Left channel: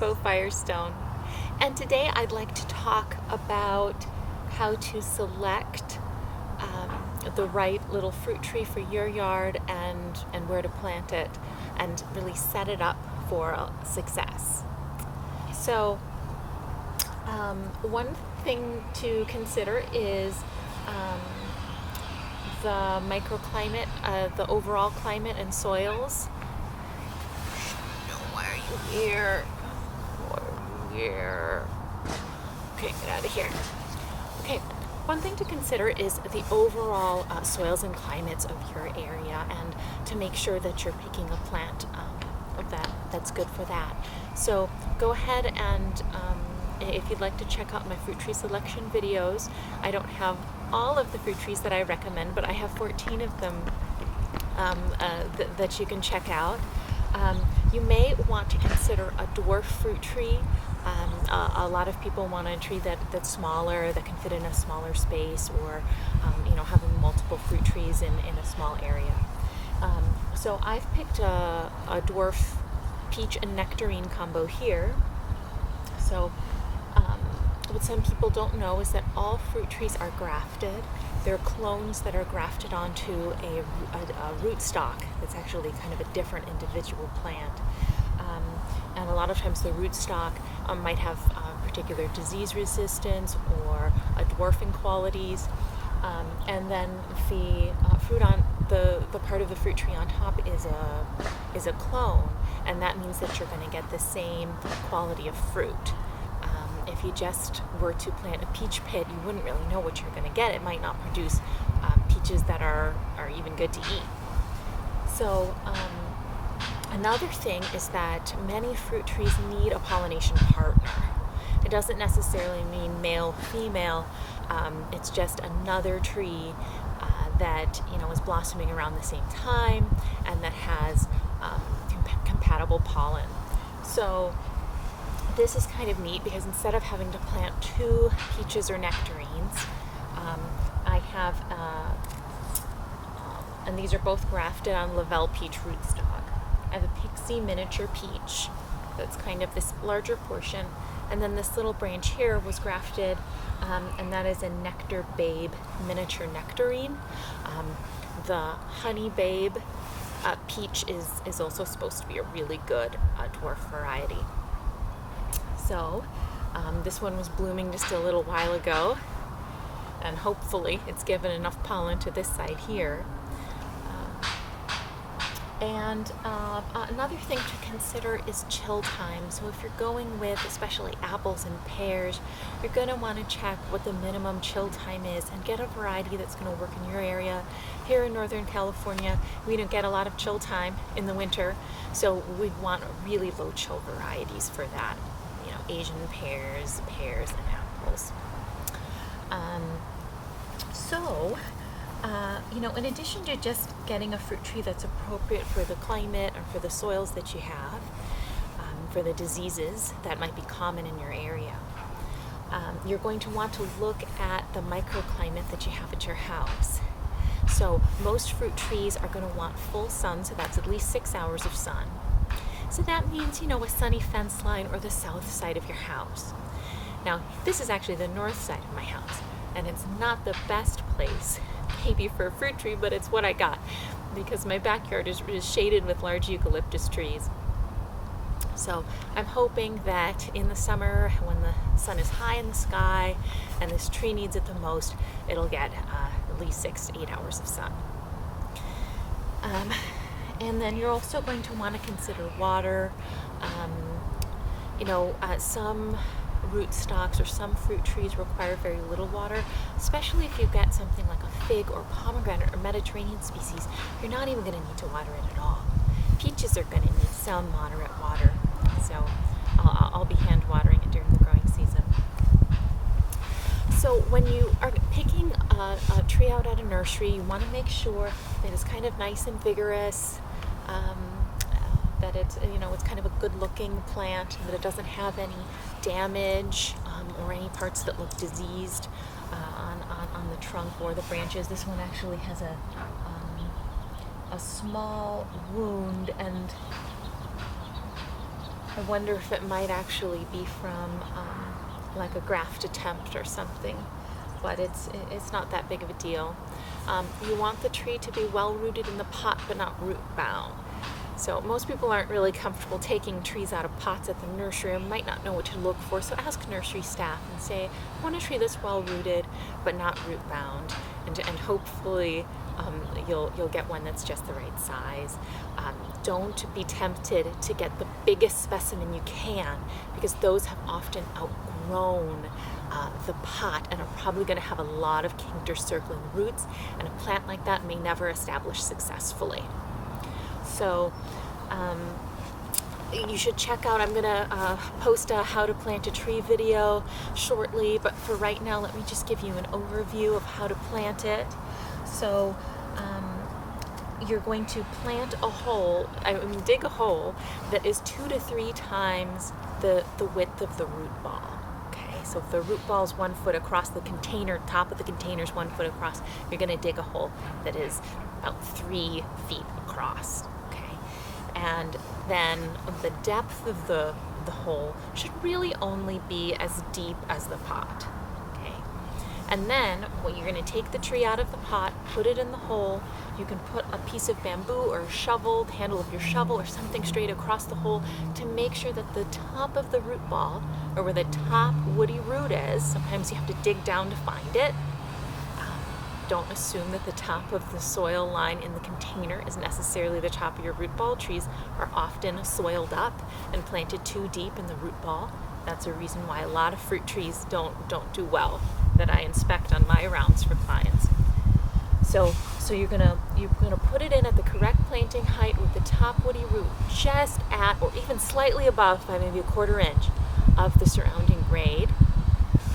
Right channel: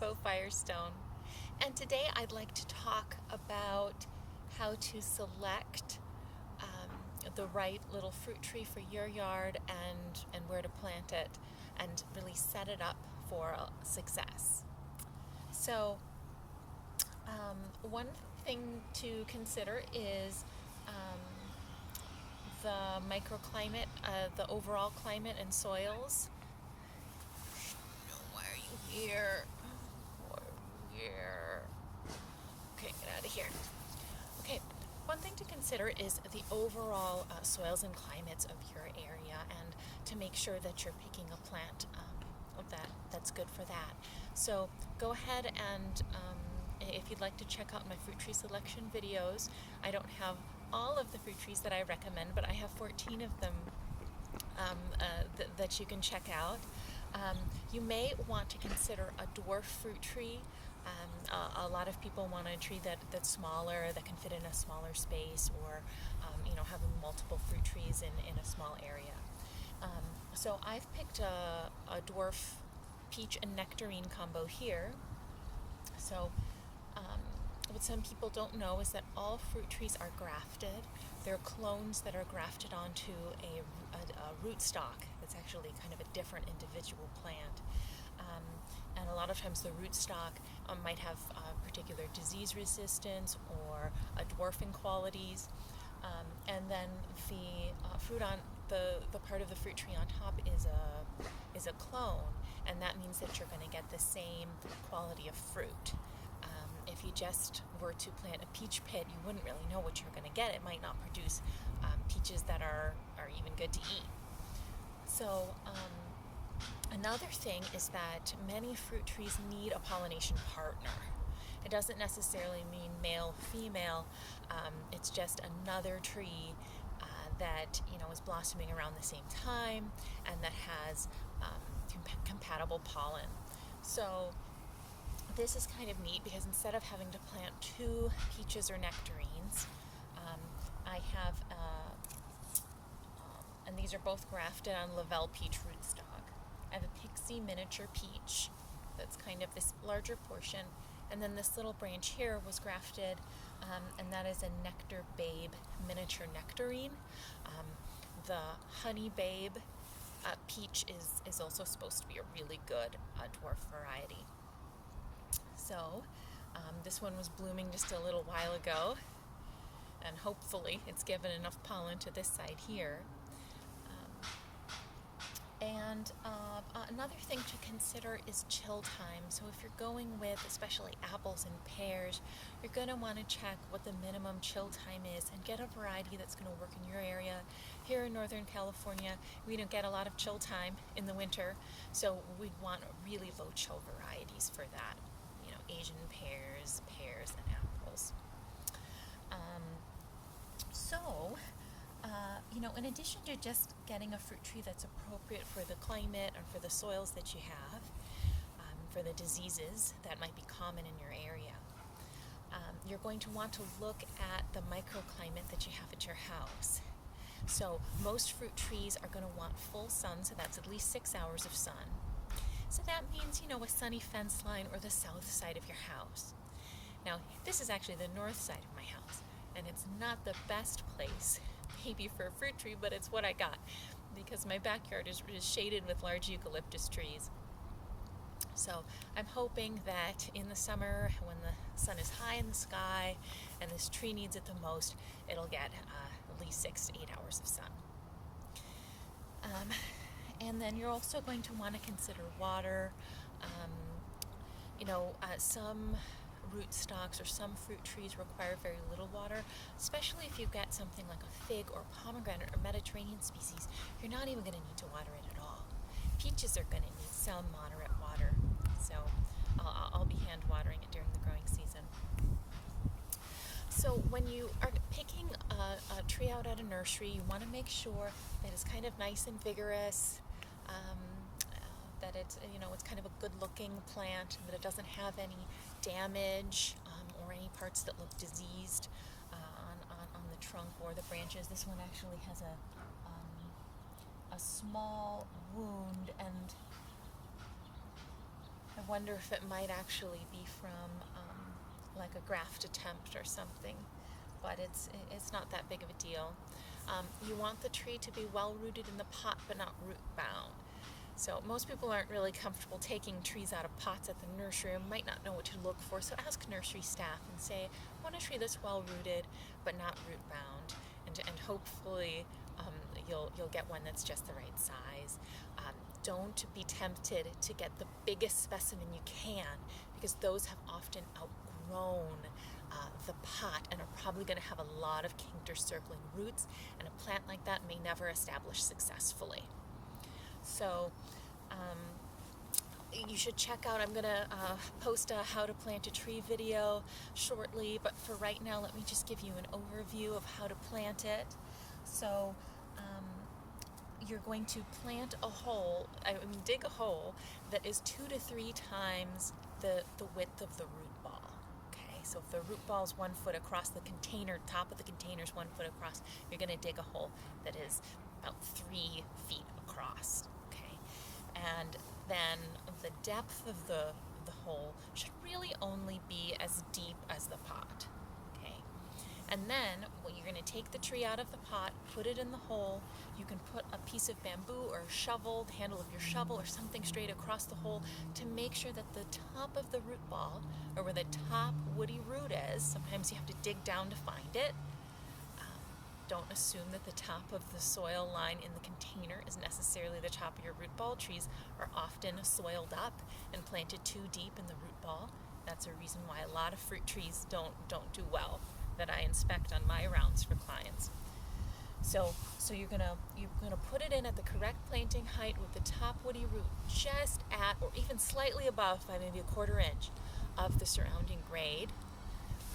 Rainbow Firestone, and today I'd like to talk about how to select the right little fruit tree for your yard and where to plant it and really set it up for success. So one thing to consider is the microclimate, the overall climate and soils. Why are you here? Why are you here? Okay, get out of here. Okay, one thing to consider is the overall soils and climates of your area, and to make sure that you're picking a plant that's good for that. So go ahead and if you'd like to check out my fruit tree selection videos, I don't have all of the fruit trees that I recommend, but I have 14 of them that you can check out. You may want to consider a dwarf fruit tree. A lot of people want a tree that's smaller, that can fit in a smaller space, or having multiple fruit trees in a small area. So I've picked a dwarf peach and nectarine combo here. So what some people don't know is that all fruit trees are grafted. They're clones that are grafted onto a rootstock that's actually kind of a different individual plant. And a lot of times the rootstock might have particular disease resistance or dwarfing qualities. And then the fruit on the part of the fruit tree on top is a clone, and that means that you're going to get the same quality of fruit. If you just were to plant a peach pit, you wouldn't really know what you're going to get. It might not produce peaches that are even good to eat. So another thing is that many fruit trees need a pollination partner. It doesn't necessarily mean male, female. It's just another tree that is blossoming around the same time and that has compatible pollen. So this is kind of neat because instead of having to plant 2 peaches or nectarines, I have, and these are both grafted on Lavelle peach rootstock. I have a Pixie miniature peach that's kind of this larger portion, and then this little branch here was grafted, and that is a Nectar Babe miniature nectarine. The Honey Babe peach is also supposed to be a really good dwarf variety. So this one was blooming just a little while ago, and hopefully it's given enough pollen to this side here. And another thing to consider is chill time. So if you're going with especially apples and pears, you're going to want to check what the minimum chill time is and get a variety that's going to work in your area. Here in Northern California, we don't get a lot of chill time in the winter, so we want really low chill varieties for that. Asian pears, and apples. In addition to just getting a fruit tree that's appropriate for the climate and for the soils that you have, for the diseases that might be common in your area, you're going to want to look at the microclimate that you have at your house. So most fruit trees are going to want full sun, so that's at least 6 hours of sun. So that means, a sunny fence line or the south side of your house. Now, this is actually the north side of my house, and it's not the best place maybe for a fruit tree, but it's what I got because my backyard is shaded with large eucalyptus trees. So I'm hoping that in the summer, when the sun is high in the sky and this tree needs it the most, it'll get at least 6 to 8 hours of sun. And then you're also going to want to consider water. Some rootstocks or some fruit trees require very little water, especially if you get something like a fig or pomegranate or Mediterranean species. You're not even going to need to water it at all. Peaches are going to need some moderate water, so I'll be hand watering it during the growing season. So when you are picking a tree out at a nursery, you want to make sure that it's kind of nice and vigorous, that it's kind of a good-looking plant, that it doesn't have any damage or any parts that look diseased on the trunk or the branches. This one actually has a small wound, and I wonder if it might actually be from like a graft attempt or something, but it's not that big of a deal. You want the tree to be well rooted in the pot, but not root bound. So most people aren't really comfortable taking trees out of pots at the nursery and might not know what to look for. So ask nursery staff and say, I want a tree that's well rooted, but not root bound, and hopefully you'll get one that's just the right size. Don't be tempted to get the biggest specimen you can, because those have often outgrown the pot and are probably going to have a lot of kinked or circling roots, and a plant like that may never establish successfully. So you should check out, I'm going to post a how to plant a tree video shortly, but for right now let me just give you an overview of how to plant it. So you're going to dig a hole that is 2 to 3 times the width of the root ball. Okay, so if the root ball is 1 foot across, the container, top of the container is 1 foot across, you're going to dig a hole that is about 3 feet across. Okay, and then the depth of the hole should really only be as deep as the pot. And then when you're going to take the tree out of the pot, put it in the hole, you can put a piece of bamboo or a shovel, the handle of your shovel or something straight across the hole to make sure that the top of the root ball, or where the top woody root is, sometimes you have to dig down to find it. Don't assume that the top of the soil line in the container is necessarily the top of your root ball. Trees are often soiled up and planted too deep in the root ball. That's a reason why a lot of fruit trees don't do well that I inspect on my rounds for clients. So you're gonna put it in at the correct planting height with the top woody root just at or even slightly above, by maybe a 1/4 inch, of the surrounding grade.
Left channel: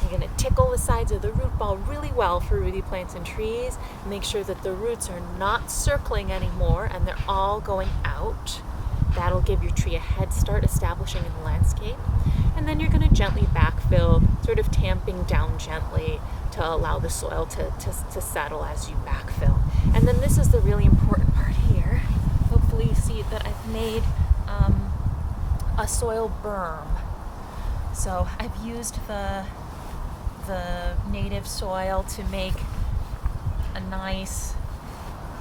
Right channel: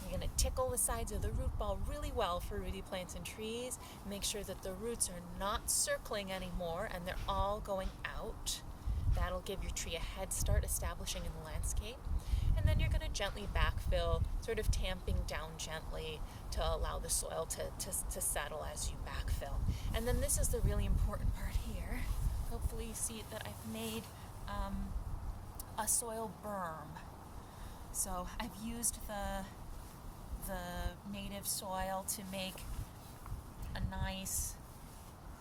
You're gonna tickle the sides of the root ball really well for rooty plants and trees. Make sure that the roots are not circling anymore and they're all going out. That'll give your tree a head start establishing in the landscape. And then you're going to gently backfill, sort of tamping down gently to allow the soil to settle as you backfill. And then this is the really important part here. Hopefully you see that I've made a soil berm. So I've used the native soil to make a nice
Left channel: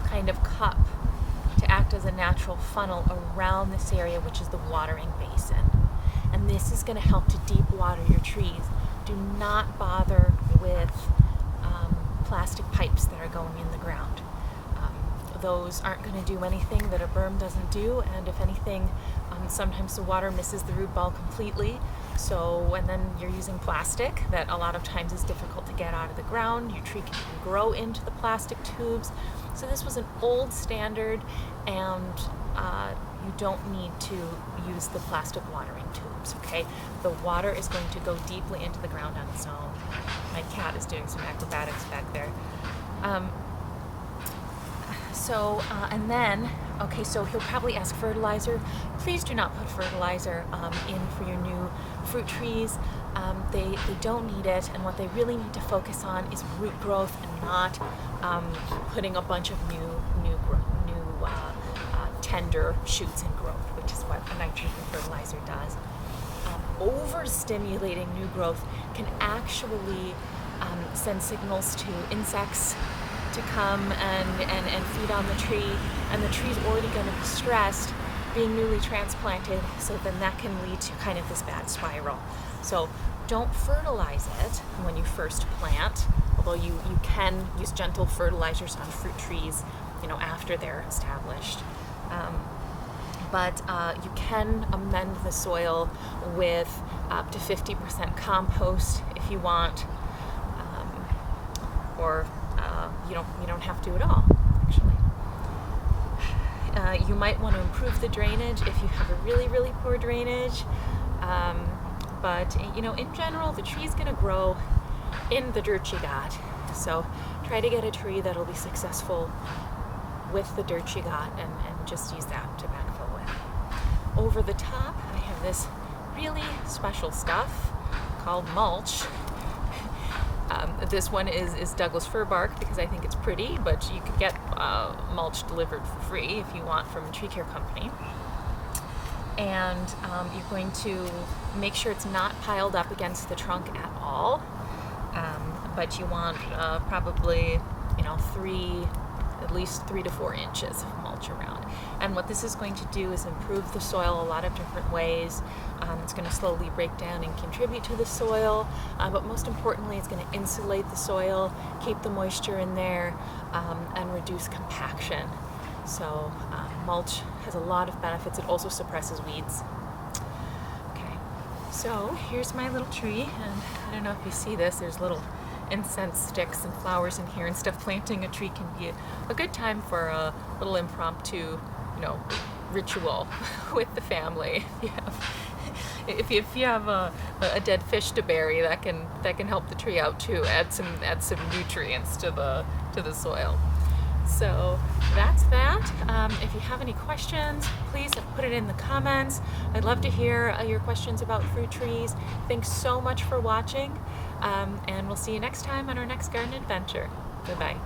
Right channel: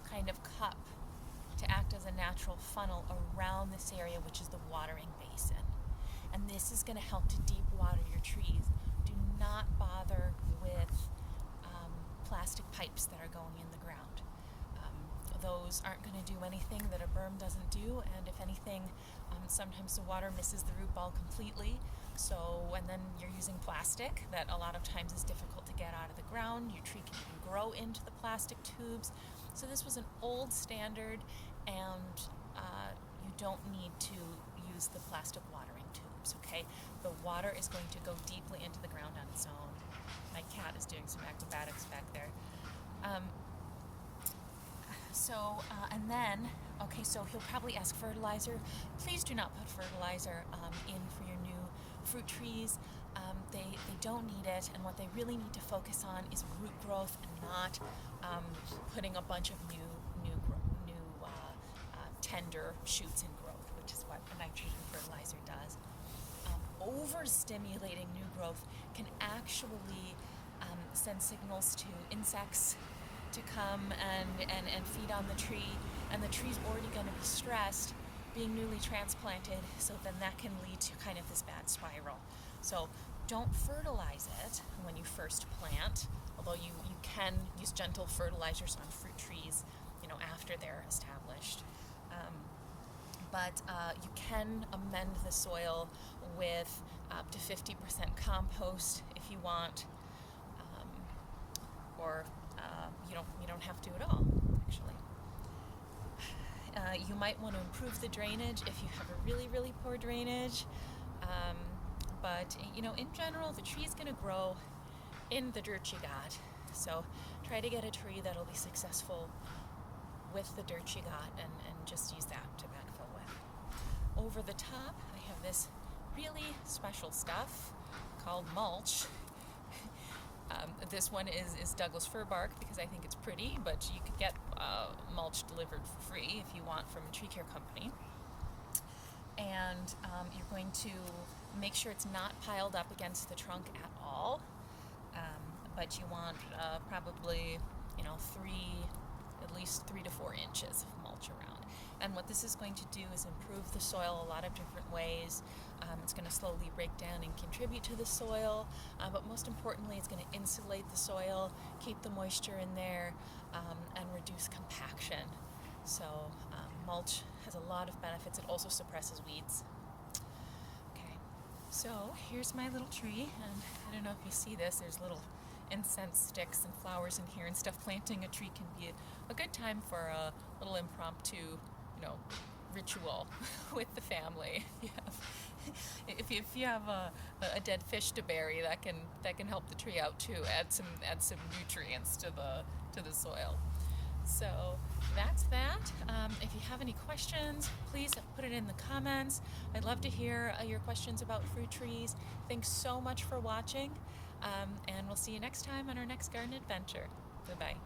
kind of cup to act as a natural funnel around this area, which is the watering basin. And this is going to help to deep water your trees. Do not bother with plastic pipes that are going in the ground. Those aren't going to do anything that a berm doesn't do, and if anything, sometimes the water misses the root ball completely. So, and then you're using plastic that a lot of times is difficult to get out of the ground. Your tree can grow into the plastic tubes. So this was an old standard, and you don't need to use the plastic watering tubes, okay? The water is going to go deeply into the ground on its own. My cat is doing some acrobatics back there. And then, okay, so he'll probably ask fertilizer. Please do not put fertilizer in for your new fruit trees. They don't need it, and what they really need to focus on is root growth and not putting a bunch of new tender shoots and growth, which is what a nitrogen fertilizer does. Overstimulating new growth can actually send signals to insects to come and feed on the tree, and the tree's already going to be stressed being newly transplanted, so then that can lead to kind of this bad spiral. So don't fertilize it when you first plant, although you can use gentle fertilizers on fruit trees, after they're established. But you can amend the soil with up to 50% compost if you want, or you don't have to at all, actually. You might want to improve the drainage if you have a really, really poor drainage. But in general, the tree's going to grow in the dirt you got. So try to get a tree that'll be successful with the dirt you got, and just use that to backfill with. Over the top, I have this really special stuff called mulch. This one is Douglas fir bark because I think it's pretty, but you could get mulch delivered for free if you want from a tree care company. and you're going to make sure it's not piled up against the trunk at all. But you want probably, at least 3 to 4 inches of mulch around. And what this is going to do is improve the soil a lot of different ways. It's going to slowly break down and contribute to the soil, but most importantly, it's going to insulate the soil, keep the moisture in there, and reduce compaction. So mulch has a lot of benefits. It also suppresses weeds. Okay, so here's my little tree, and I don't know if you see this, there's little incense sticks and flowers in here and stuff. Planting a tree can be a good time for a little impromptu, ritual with the family. If you have a dead fish to bury, that can help the tree out too. Add some nutrients to the soil. So that's that. If you have any questions, please put it in the comments. I'd love to hear your questions about fruit trees. Thanks so much for watching, and we'll see you next time on our next garden adventure. Goodbye.